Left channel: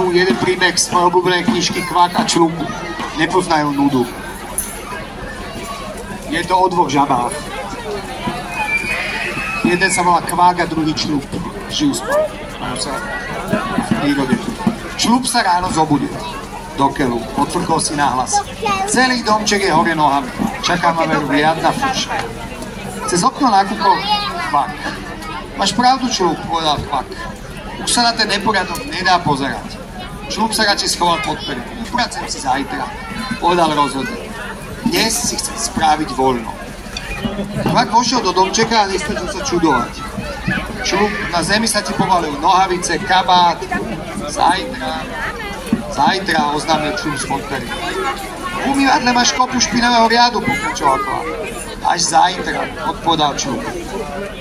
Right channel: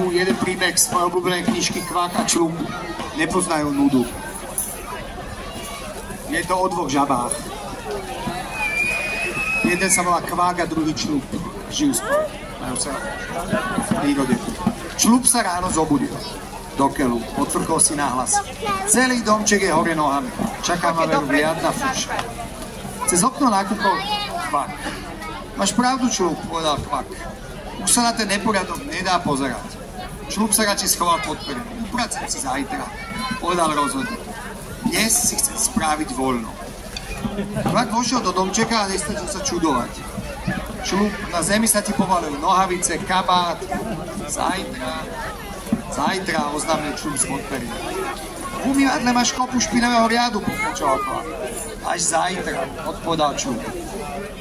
Jeden príbeh z svojej obľúbenej knižky Kvak a Člup. Nepoznajú nudu. Je to o dvoch žabách. Jeden sa volá Kvák a druhý Člup. Žijú spolu. Majú sa v prírode. Člup sa ráno zobudil do keľu. Odfrkol si nahlas. Celý domček je hore nohami. Čaká ma veru riadna fúša. Cez okno nakúkol Kvak. Máš pravdu, Člup, povedal Kvak. Už sa na ten neporiadok nedá pozerať. Člup sa radšej schoval pod peru. Upracem si zajtra, povedal rozhodne. Dnes si chcem spraviť voľno. Kvak vošiel do domčeka a nestačil sa čudovať. Člup, na zemi sa ti povalil nohavice, kabát. Zajtra, oznámil Člup z pod peru. V umývadle máš kopu špinavého riadu, pokračoval Kvak. Až zajtra, odpovedal Člup.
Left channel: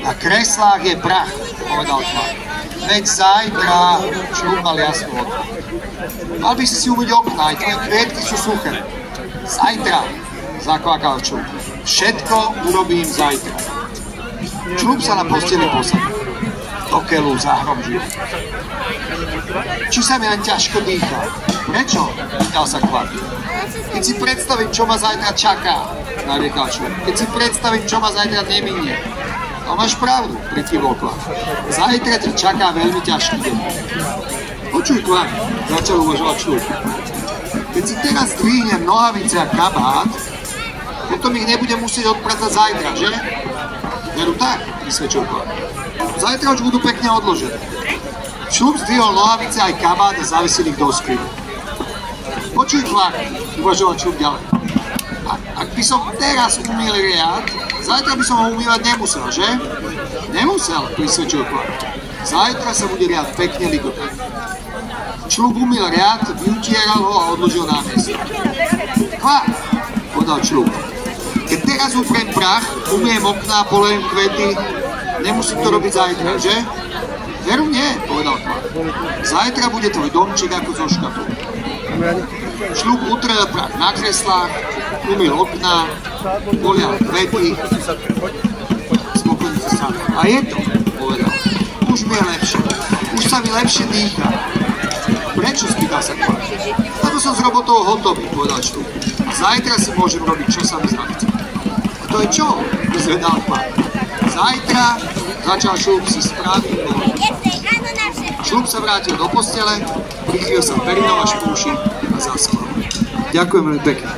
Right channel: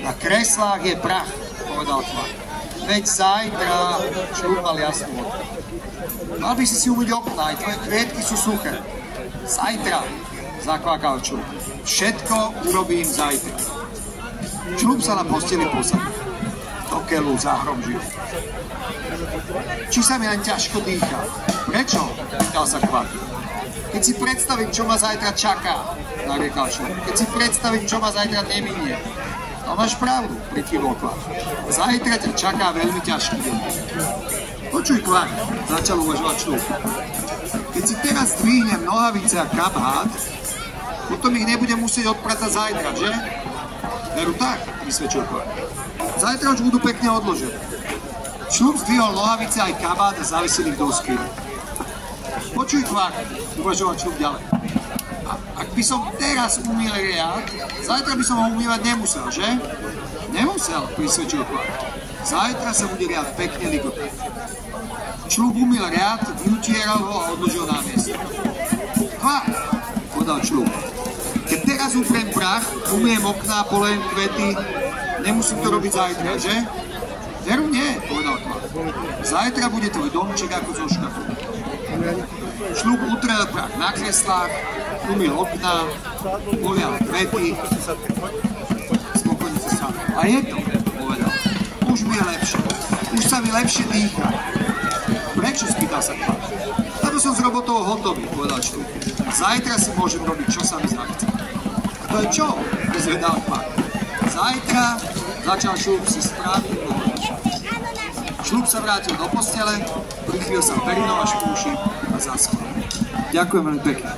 Na kreslách je prach, povedal Kvak. Veď zajtra, Člup mal jasnú vodu. Mal by si umyť okná, aj tvoje kvietky sú suché. Zajtra, zakvakal Člup. Všetko urobím zajtra. Člup sa na posteli posadil. Do keľu zahromžil. Či sa mi len ťažko dýcha? Prečo? Pýtal sa Kvak. Keď si predstavím, čo ma zajtra čaká, nariekal Člup. Keď si predstavím, čo ma zajtra neminie. To máš pravdu, prikyvol Kvak. Zajtra ťa čaká veľmi ťažký deň. Počuj, Kvak, začal uvažovať Člup. Keď si teraz zdvihnem nohavice a kabát, potom ich nebudem musieť odpratať zajtra, že? Veru tak, vysvedčil Kvak. Zajtra už budú pekne odložené. Člup zdvihol nohavice aj kabát a zavesil ich do skrine. Počuj, Kvak, uvažoval Člup ďalej. Ak by som teraz umýl riad, zajtra by som ho umývať nemusel, že? Nemusel, prisvedčil Kvak. Zajtra sa bude riad pekne ligotať. Člup umýl riad, vyutieral ho a odložil na miesto. Kvak, povedal Člup. Keď teraz upriem prach, umiem okná, polujem kvety, nemusím to robiť zajtra, že? Veru nie, povedal Kvak. Zajtra bude tvoj domček ako zo škatulky. Člup utrel prach na kreslách, umyl okná, polial kvety, spokojne sa. A je to, povedal. Už mi je lepšie. Už sa mi lepšie dýcha. Prečo, spýtal sa Kvak? Lebo som s robotou hotový, povedal Člup. A zajtra si môžem robiť, čo sa mi zachce. A to je čo? Vyzvedal Kvak. Zajtra začal Člup si správny bol. Člup sa vrátil do postele, prikryl sa perinou až po uši a zaspal. Ďakujem veľmi pekne.